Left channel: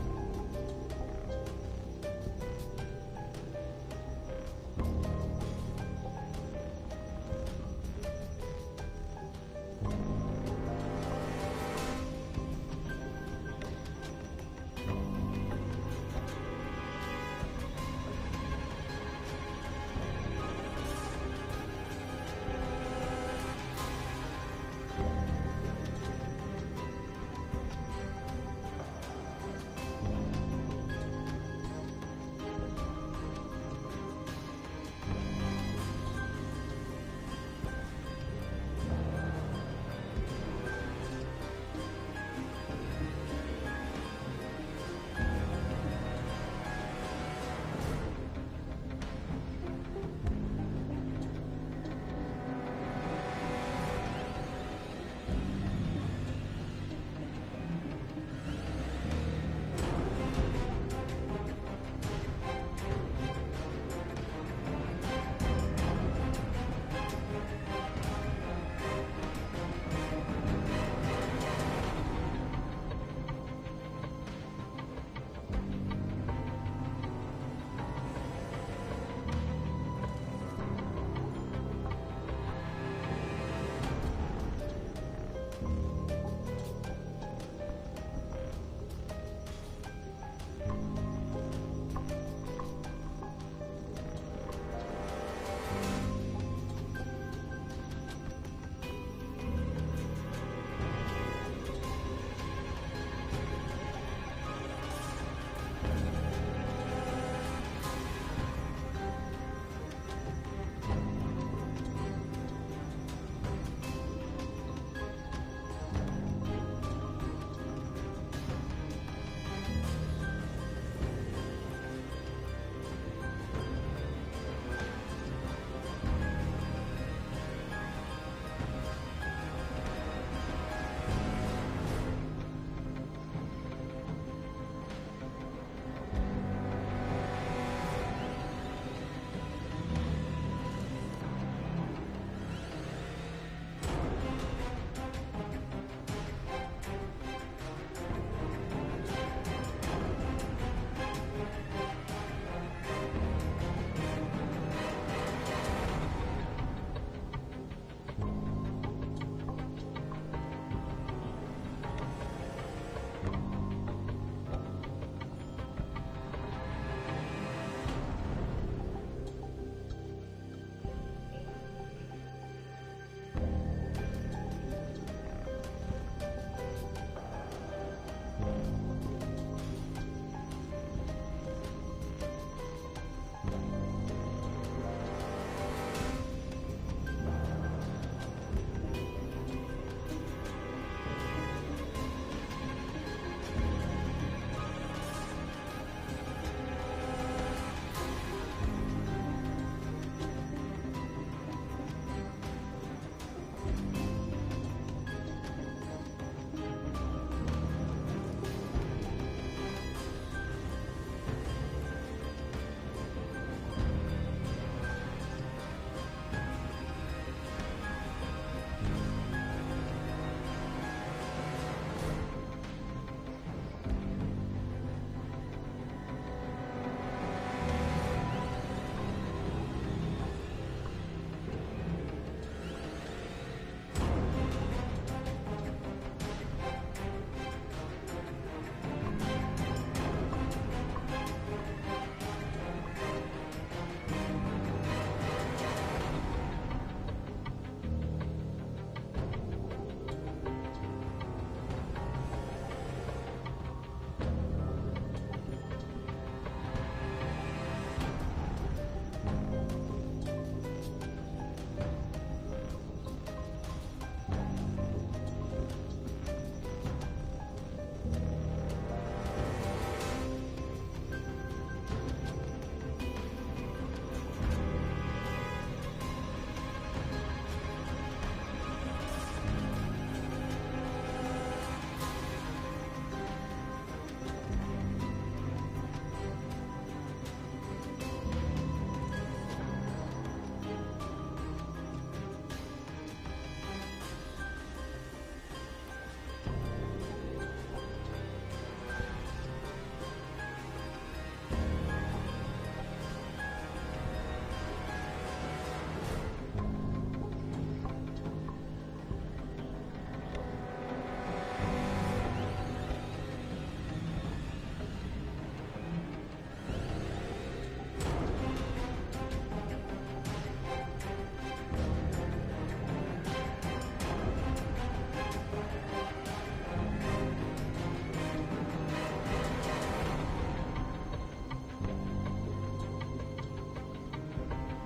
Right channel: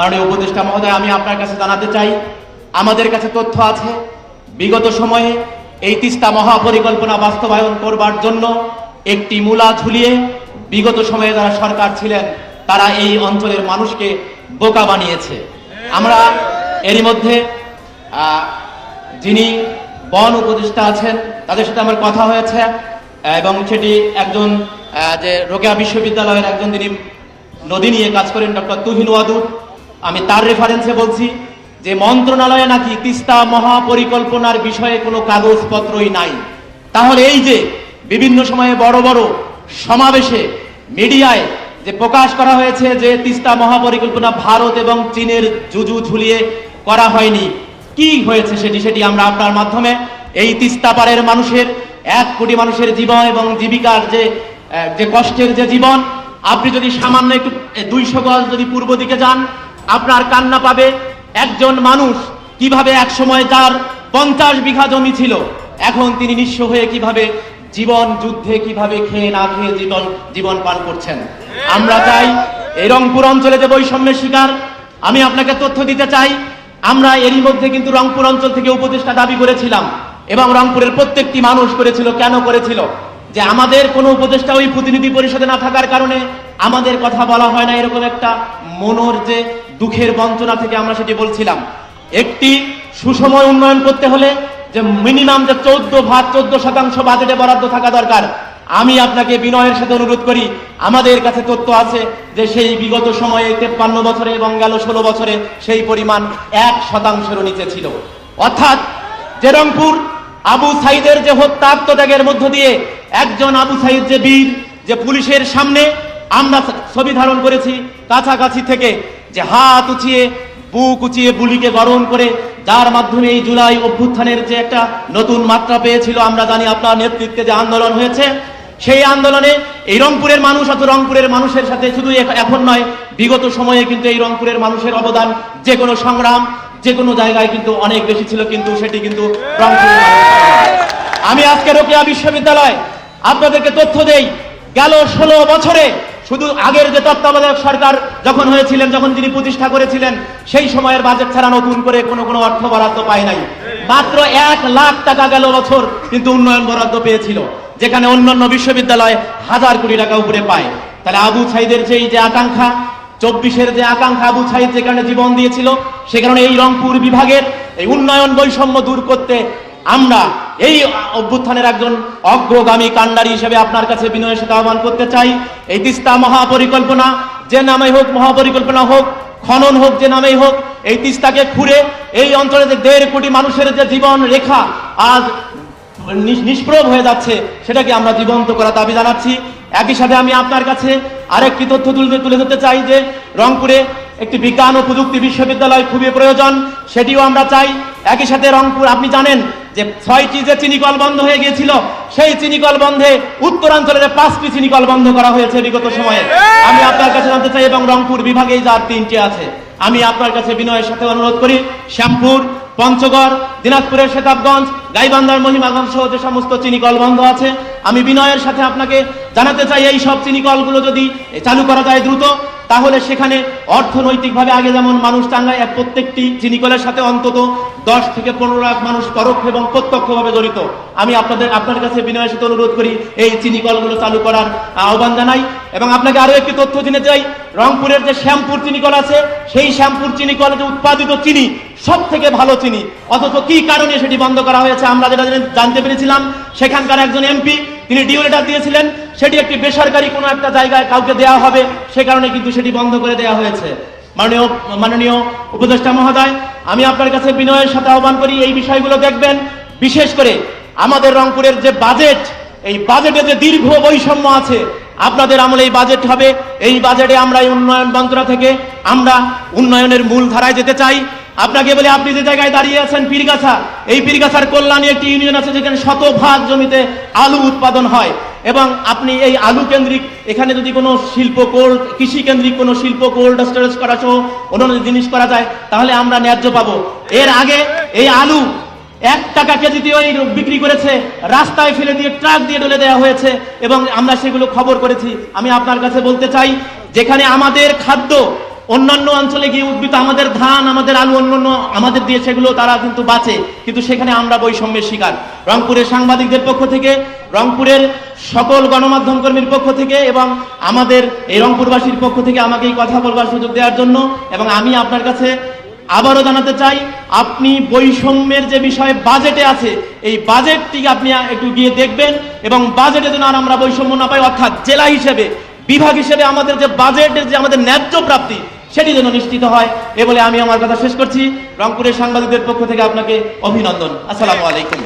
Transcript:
মাননীয় উপদেষ্টা মহোদয়, আমি আপনার কাছে জানাতে চাই, আমাদের কাছে তথ্য আছে বিগত সময়ে এই তিস্তা মহাপরিকল্পনা বাস্তবায়ন করবার জন্য একটি মূলা ঝুলিয়ে বিগত সময়ে যারা সরকার ছিলেন তারা এই অঞ্চলের মানুষকে বোকা বানিয়েছে। আমরা এরই মধ্যে যিনি বন উপদেষ্টা আছেন তাদের সাথে আমার কথা হয়েছে এবং সেটি একজন যে রোকেয়া বিশ্ববিদ্যালয়ের একজন যিনি নদী নিয়ে কাজ করেন ডক্টর তুহিন ওয়াদুদ, আমি তার রেফারেন্সে বলছি যে মন্ত্রণালয়ে নাকি তিস্তা মহাপরিকল্পনার বিষয়ে কোনো কাগজপত্রই নাই। তাহলে এই যে বিভিন্ন সময়ে বড় বড় সমাবেশে মিডিয়ায় যে প্রকাশ করা হয়েছে যে তিস্তা মহাপরিকল্পনা ভারত এবং চীনের জুজু ঝুলিয়ে করা হয়নি, কি হয়েছে সেটি আমরা আপনার মাধ্যমে এই তিস্তা পাড়ের মানুষের 1 কোটি মানুষের জীবন এবং জীবিকার যে কষ্টের যে জীবন, আপনি যদি সামান্য একটু 200 গজ যদি পূর্ব দিকে যান আপনার কান্না পাবে। একজন মানুষ কিভাবে এক সময় তার 50 বিঘা জমি ছিল, এখন তিনি নিঃস্ব হয়ে কিভাবে জীবন যুদ্ধে কিভাবে খেয়ে না খেয়ে জীবন পান করছেন। আমরা চাই এই রংপুর অঞ্চলে যে বৈষম্যের শিকার, আমি আপনাকে তথ্য দিতে চাই, আমরা এরই মধ্যে কিন্তু রংপুর অঞ্চল থেকে উপদেষ্টা দাবি করেছিলাম এবং রংপুরের প্রত্যেকটি মানুষ করেছিল। কেন করেছিল? যে আমাদের কোনো উপদেষ্টা ওই প্রতিনিধি পরিষদে না থাকার কারণে আমাদের কথা বলা হয় না, এরকম একটা মনের যে দুঃখের বঞ্চনা থেকে আমরা সেটি বলছিলাম। একটি সুসময় উন্নয়ন করতে হলে যে মিনিমাম যে 14% বাজেটে বরাদ্দ থাকা দরকার। আমি আপনাকে বিনয়ের সাথে অনুরোধ করি, আমাদের কাছে তথ্য আছে যে সেই বিগত সময়ে 53 বছরে এবং গেল 16 বছরে সেই পরিমাণ 1%-এরও নিচে ছিল। অর্থাৎ যে রংপুর আবু সাইদের যে হত্যা আত্মত্যাগের মধ্য দিয়ে একজন আবু সাইদ যে বীর, যে পুলিশের সামনে আমরা ছবি ধারণ করেছি কাছাকাছি থেকে, যে হাত উঁচিয়ে বুক উঁচিয়ে বুলিকে গরম করে, যার মাধ্যমে এই জুলাই অভ্যুত্থানের যে একটা নতুন মাত্রা পেয়েছিল। আমরা জানি আপনার নেতৃত্বে যে আন্দোলন হয়েছে, সেই আন্দোলনে এই রংপুরের মানুষ, অত রংপুরের মানুষের সাথে শুধু এখন নয়, বিগত সময়ে কিন্তু এই রংপুরের মানুষের অবদান যে কোনো সংগ্রাম যে কোনো জায়গায় কিন্তু অনেক বেশি ছিল, কিন্তু সেটি কিন্তু রংপুরের মানুষ। আমি আজকে রোকেয়া বিশ্ববিদ্যালয় আপনাদেরকে তথ্য দেই, গেল 16 বছরে শুধু আগের যে তত্ত্বাবধায়ক সরকার যখন হয়েছিলেন, যখন তিনি প্রতিষ্ঠা করেছিলেন, সেই সময়ের বাজেট ছাড়া নতুন করে কোনো অর্থ বরাদ্দ পায় নাই। মাত্র 1 লাখ টাকা গেল বছর কিন্তু উন্নয়ন বরাদ্দ পেয়েছিল, যেখানে অন্যান্য বিশ্ববিদ্যালয় 1000 কোটি টাকা উপরে পায়। তাহলে আবু সাইদের যে আকাঙ্ক্ষা, 24-এর যে আকাঙ্ক্ষা, আবু সাইদ যে কারণে জীবন দিয়েছিল, সে কারণে এই রংপুর বিভাগের এই উন্নয়ন বৈষম্য দূর করতে আমরা এই অভ্যুত্থানের একজন অগ্রগামী কাণ্ডারি হিসেবে আপনার কাছে বিনয়ের সাথে আহ্বান করতে চাই। এই তিস্তা মহাপরিকল্পনা যে নামেই হোক, মহাপরিকল্পনা হোক, খনন হোক, যে নামেই হোক, এই তিস্তাকে খুঁড়ে এই অঞ্চলে যে 1.5 কোটি মানুষের যে জীবন রেখা আজ নিষ্প্রভ হয়ে যাচ্ছে, সেটাকে আমরা জীবন্ত করার দাবি জানাচ্ছি। একই সাথে আমি আপনার কাছে আরেকটি তথ্য তুলে ধরতে চাই যে রংপুরে একটি বিজ্ঞান ও প্রযুক্তি বিশ্ববিদ্যালয় খুবই প্রয়োজন, সেটিও আমরা চাই। একই সাথে রংপুর, আপনি জানেন যে 6টি যে চিনিকল বন্ধ হয়ে গিয়েছিল, সেই চিনিকল বন্ধে উত্তরাঞ্চলের 5টি চিনিকল বন্ধ করা হয়েছে বিগত সময়ে। আমি আপনার কাছে জানতে চাই, এবং রংপুর বিভাগেই যার 3টি আছে, আমি আপনার কাছে বিনয়ের সাথে অনুরোধ করি, শ্যামপুর, পঞ্চগড়, দিনাজপুরের শেতাবগঞ্জ, গাইবান্ধার মহিমাগঞ্জ সহ যে সমস্ত চিনিকল বন্ধ আছে, আমি বিনয়ের সাথে আপনাকে জানাতে চাই, এই সব চিনিকলগুলো যদি চালু করা যায় দ্রুত, তাহলে সেখানে অর্থনৈতিকভাবে আগে যেমন মানুষ টাঙ্গায়, প্রত্যেকটি চিনিকলের সাথে অন্তত 10 থেকে 15 লাখ মানুষ পরোক্ষ এবং প্রত্যক্ষভাবে জড়িত। আমি আপনার কাছে বিনয়ের সাথে অনুরোধ করি এই চিনিকলগুলো চালু করার আহ্বান জানাই। এবং আপনাকে আরো একটি তথ্য দিতে চাই, রংপুরের যে শ্যামপুর চিনিকল আছে, সেই শ্যামপুর চিনিকলে যে উৎপাদিত চিনি সব থেকে ভালো চিনি, অথচ কি কারণে সেটি বন্ধ করা হয়েছে আমরা যেটা জানতে পেরেছিলাম, সেখানকার একজন এমপি তিনি ডিও লেটার দিয়েছিলেন, সেটি একটি বেসরকারি কোনো একটা জায়গায় কাউকে দেওয়া হবে, সে কারণে কিন্তু সেটি বন্ধ করে দেওয়া হয়েছে। মাননীয় উপদেষ্টা মহোদয়, আমি আপনার কাছে বিনয়ের সাথে আহ্বান করি, এই বিষয়গুলো দেখবেন। বিশেষ করে আমাদের রংপুরের যে বাজেট, এই বাজেটে যে দীর্ঘ বৈষম্য আছে, আপনাদের আমলে এই বাজেট হবে, এই বাজেটে আমরা এই উন্নয়ন মন্ত্রণালয় থেকে আমরা উন্নয়নের মূল ধারায় যেতে চাই। আপনাকে বলে, আপনি যে জায়গায় দাঁড়িয়ে আছেন পীরগাছা, এই পীরগাছার কল্যাণী একটি ইউনিয়ন আছে যেখানে 100% জমিতে আলু উৎপাদন হয়, এবং আপনি এই আলু কেন্দ্রিক এখানে যদি কোনো কৃষি কেন্দ্রিক কোনো শিল্প কোল্ড স্টোরেজ করা সহ অন্যান্য জিনিস করা যায়, তাহলে আমরা ন্যায্য পাবো। এর আগে এই আলু 1 টাকা কেজিতে বিক্রি করেছে, রাস্তায় ফেলে দিয়ে ট্রাক দিয়ে ঢেলে দেওয়া হয়েছে, এবং আমরা সেগুলো খবর করেছি। আমি আপনার কাছে বলতে চাই, যেখানে আমাদের খাদ্য অন্যান্য অঞ্চলে গিয়ে উদ্ভিদ আমাদের ধান আমাদের আলু অন্যান্য আমাদের দিয়ে সেগুলো তারা কিন্তু বাঁচে, কিন্তু সেখানে আমরা বৈষম্যের শিকার। রংপুরের সাংবাদিকদের পক্ষ থেকে, রংপুরের সকল গণমাধ্যম কর্মীর পক্ষ থেকে এবং আমাদের এই রংপুরবাসীর পক্ষ থেকে আমাকে এই কথা বলবার সুযোগ দেওয়ার জন্য, এবং আমি আপনার কাছে আবারও জানাতে চাই, আপনি বৈষম্যের যে বিষয় বাজেটে আছে এই বাজেটটি আপনি একটু গিয়ে দেখবেন, এবং বাজেটে যেন আর আমরা বৈষম্য না পাই, অর্থাৎ জেলা হিসেবে বিভাগ হিসেবে আমাদের যে বাজেটের যে আমাদের ন্যায্য প্রাপ্তি সেটি যেন নিশ্চিত হয়। এ বলে আমি আমার কথা শেষ করছি। রংপুরের সাংবাদিকদের পক্ষ থেকে আপনাকে অভিনন্দন। আসসালামু আলাইকুম।